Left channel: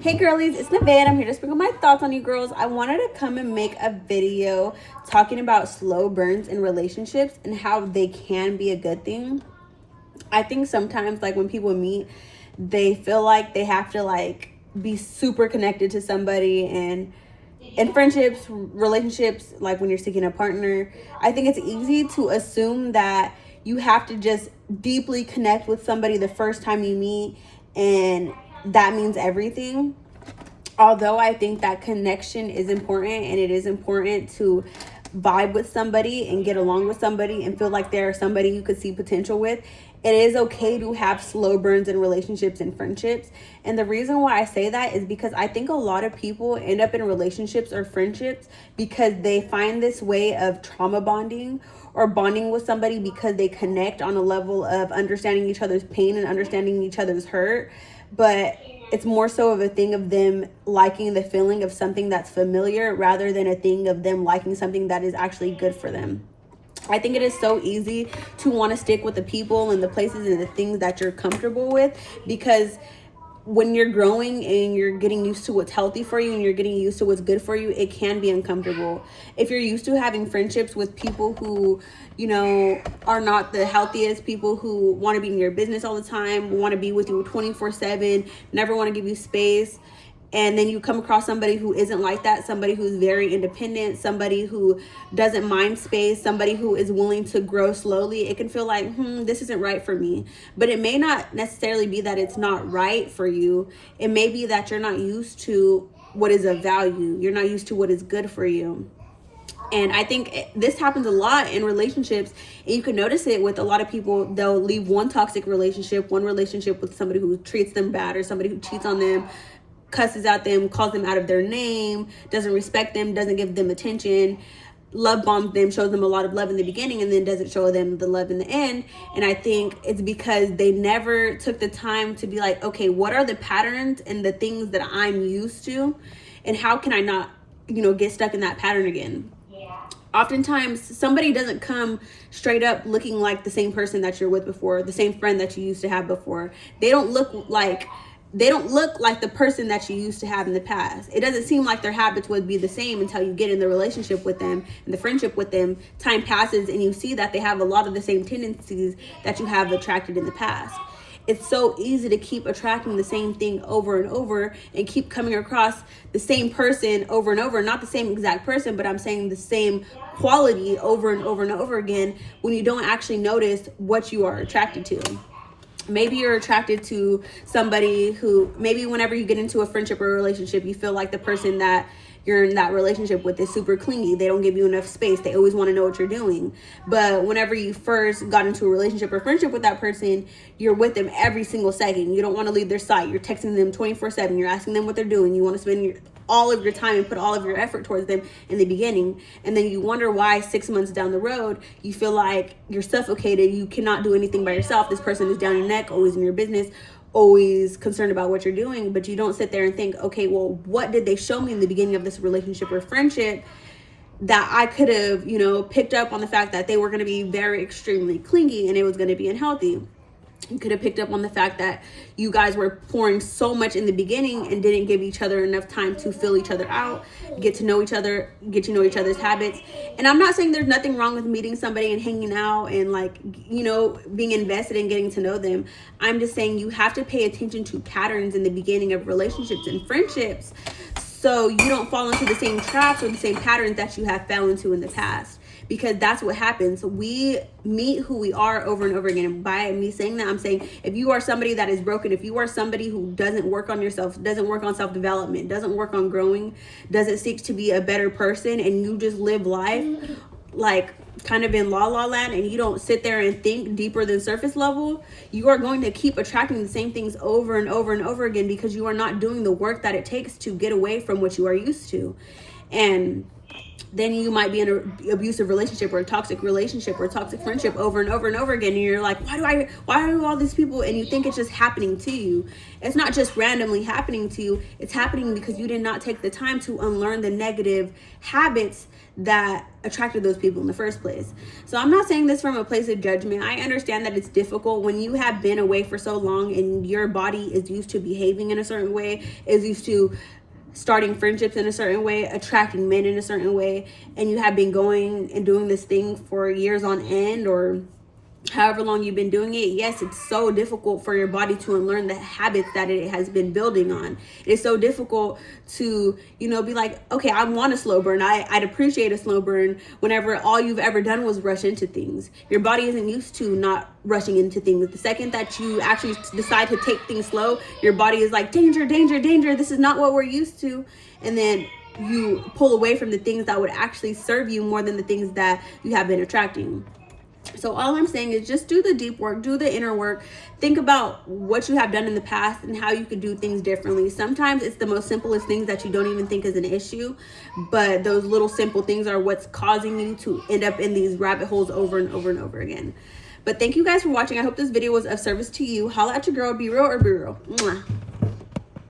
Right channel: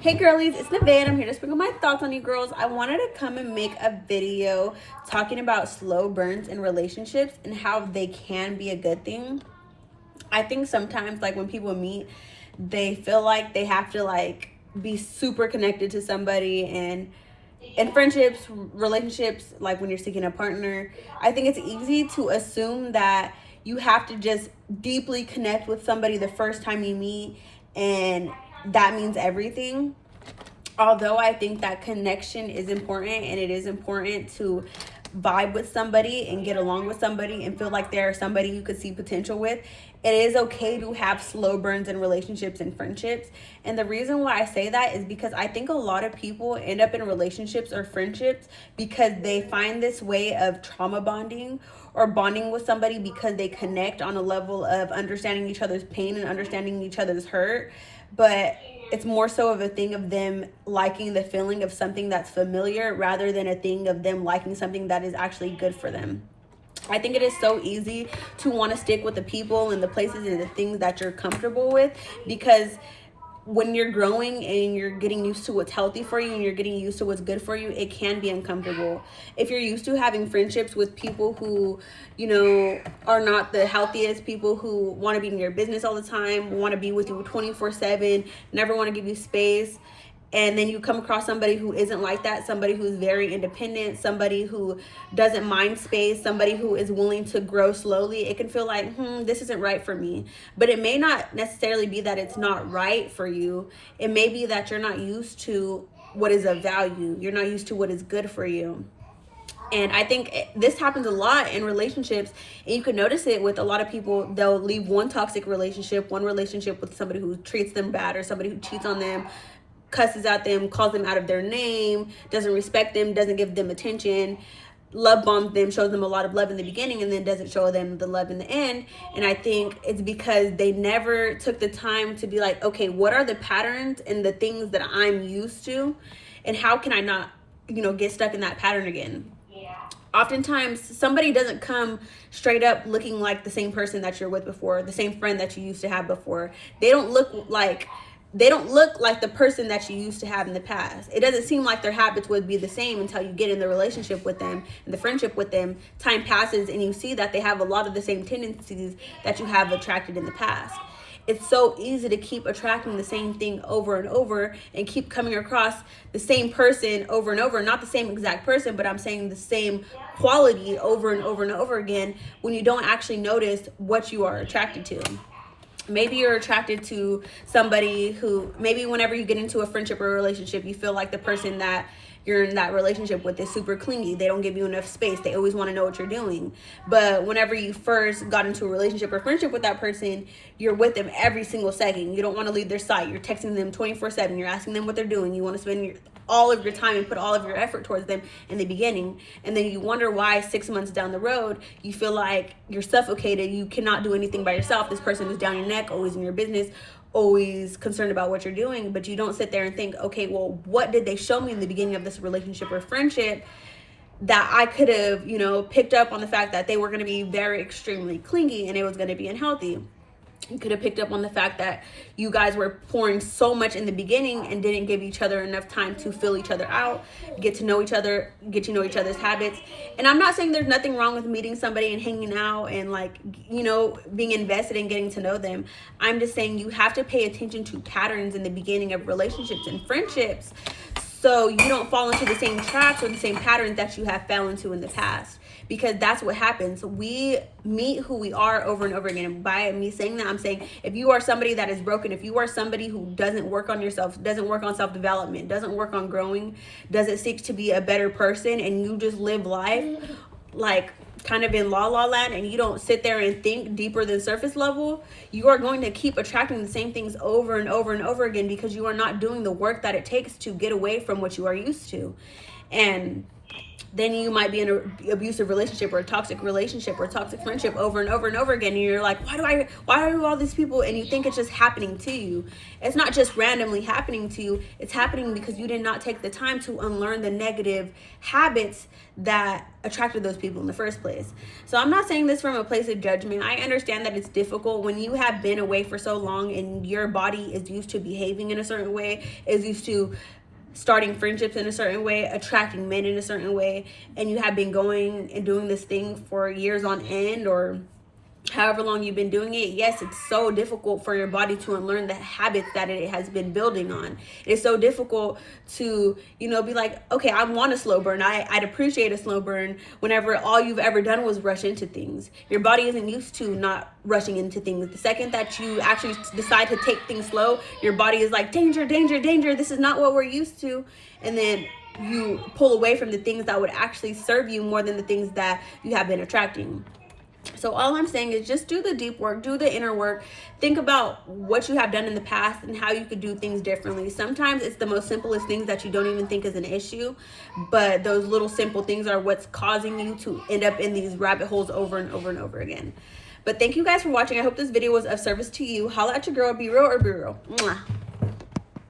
Hey girlies, it's Nevaeh and I'm here to sprinkle my thoughts on you girls. I wanted to come and make a video talking about slow burns in relationships and how they can be a good thing. I think sometimes like when people meet, they feel like they have to like be super connected to somebody, and in friendships, relationships, like when you're seeking a partner, I think it's easy to assume that you have to just deeply connect with somebody the first time you meet, and that means everything. Although I think that connection is important, and it is important to vibe with somebody and get along with somebody and feel like they're somebody you could see potential with, it is okay to have slow burns in relationships and friendships. And the reason why I say that is because I think a lot of people end up in relationships or friendships because they find this way of trauma bonding or bonding with somebody because they connect on a level of understanding each other's pain and understanding each other's hurt. But it's more so of a thing of them liking the feeling of something that's familiar rather than a thing of them liking something that is actually good for them. I think it is so easy to want to stick with the people and the places and the things that you're comfortable with, because when you're growing and you're getting used to what's healthy for you and you're getting used to what's good for you, it can be uncomfortable. If you're used to having friendships with people who, are not the healthiest, people who want to be in your business all the time, want to be with you 24/7, never want to give you space, and then you come across somebody who isn't like that, somebody who's very independent, somebody who doesn't mind space, somebody who is willing to grow slowly, it can feel like, this isn't right for me. But it may not necessarily be that it's not right for you. It may be that you're not used to what is of value. You're not used to what is good for you. And I think this happens a lot in relationships, and you can notice it with a lot of people. They'll leave one toxic relationship, one relationship with somebody who treats them bad or somebody who cheats on them, cusses at them, calls them out of their name, doesn't respect them, doesn't give them attention, love bombs them, shows them a lot of love in the beginning, and then doesn't show them the love in the end. And I think it's because they never took the time to be like, okay, what are the patterns and the things that I'm used to, and how can I not, get stuck in that pattern again? Oftentimes somebody doesn't come straight up looking like the same person that you're with before, the same friend that you used to have before. They don't look like the person that you used to have in the past. It doesn't seem like their habits would be the same until you get in the relationship with them and the friendship with them. Time passes and you see that they have a lot of the same tendencies that you have attracted in the past. It's so easy to keep attracting the same thing over and over and keep coming across the same person over and over. Not the same exact person, but I'm saying the same quality over and over and over again, when you don't actually notice what you are attracted to. Maybe you're attracted to somebody who, maybe whenever you get into a friendship or a relationship, you feel like the person that you're in that relationship with is super clingy. They don't give you enough space. They always want to know what you're doing. But whenever you first got into a relationship or friendship with that person, you're with them every single second. You don't want to leave their side. You're texting them 24/7. You're asking them what they're doing. You want to spend all of your time and put all of your effort towards them in the beginning. And then you wonder why 6 months down the road, you feel like you're suffocated. You cannot do anything by yourself. This person is down your neck, always in your business, always concerned about what you're doing. But you don't sit there and think, okay, well, what did they show me in the beginning of this relationship or friendship that I could have, picked up on the fact that they were going to be very extremely clingy and it was going to be unhealthy. You could have picked up on the fact that you guys were pouring so much in the beginning and didn't give each other enough time to fill each other out, get to know each other, get to know each other's habits. And I'm not saying there's nothing wrong with meeting somebody and hanging out and being invested in getting to know them. I'm just saying you have to pay attention to patterns in the beginning of relationships and friendships, so you don't fall into the same traps or the same patterns that you have fell into in the past. Because that's what happens. We meet who we are over and over again. And by me saying that, I'm saying if you are somebody that is broken, if you are somebody who doesn't work on yourself, doesn't work on self-development, doesn't work on growing, doesn't seek to be a better person, and you just live life like kind of in la land, and you don't sit there and think deeper than surface level, you are going to keep attracting the same things over and over and over again, because you are not doing the work that it takes to get away from what you are used to. And then you might be in an abusive relationship or a toxic relationship or a toxic friendship over and over and over again, and you're like, why do all these people, and you think it's just happening to you. It's not just randomly happening to you. It's happening because you did not take the time to unlearn the negative habits that attracted those people in the first place. So I'm not saying this from a place of judgment. I understand that it's difficult when you have been away for so long and your body is used to behaving in a certain way, is used to starting friendships in a certain way, attracting men in a certain way, and you have been going and doing this thing for years on end, or however long you've been doing it. Yes, it's so difficult for your body to unlearn the habits that it has been building on. It's so difficult to, be like, okay, I want a slow burn. I'd appreciate a slow burn whenever all you've ever done was rush into things. Your body isn't used to not rushing into things. The second that you actually decide to take things slow, your body is like, danger, danger, danger. This is not what we're used to. And then you pull away from the things that would actually serve you more than the things that you have been attracting. So all I'm saying is just do the deep work, do the inner work. Think about what you have done in the past and how you could do things differently. Sometimes it's the most simplest things that you don't even think is an issue, but those little simple things are what's causing you to end up in these rabbit holes over and over and over again. But thank you guys for watching. I hope this video was of service to you. Holla at your girl. Be real or be real. Mwah.